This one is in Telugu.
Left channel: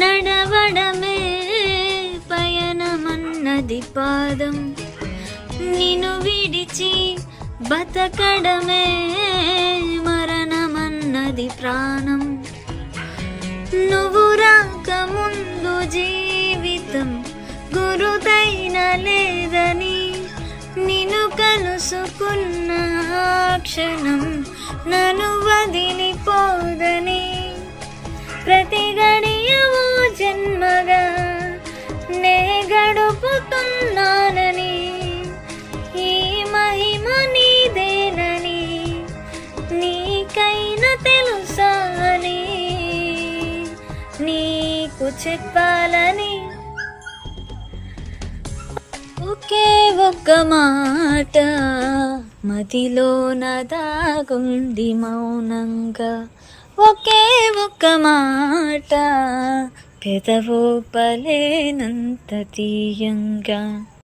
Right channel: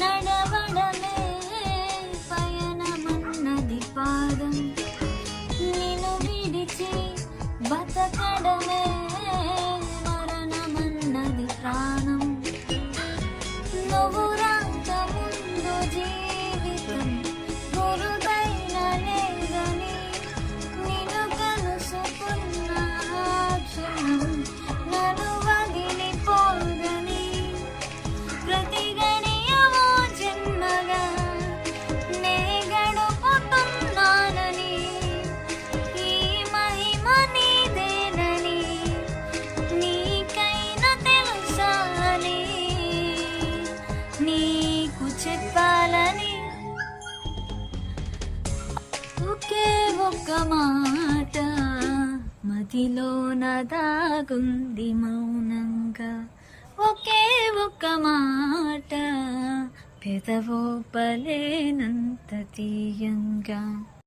నడవడమే పయనమన్నది పాదం, నిన్ను విడిచి బతకడమే మరణమన్నది ప్రాణం. నువ్వు రాకముందు జీవితం గురుదైన లేదని, నిన్ను కలుసుకున్న ఆ క్షణం నన్ను వదిలిపోదని, ప్రతి గడియవో జన్మగా నే గడుపుతున్నానని, ఈ మహిమ నీదేనని నీకైనా తెలుసాని నీకు చెప్పాలని. ఒకే ఒక్క మాట మదిలోన దాగుంది మౌనంగా, ఒకే ఒక్క మాట పెదవో పలేనంత తీయంగా.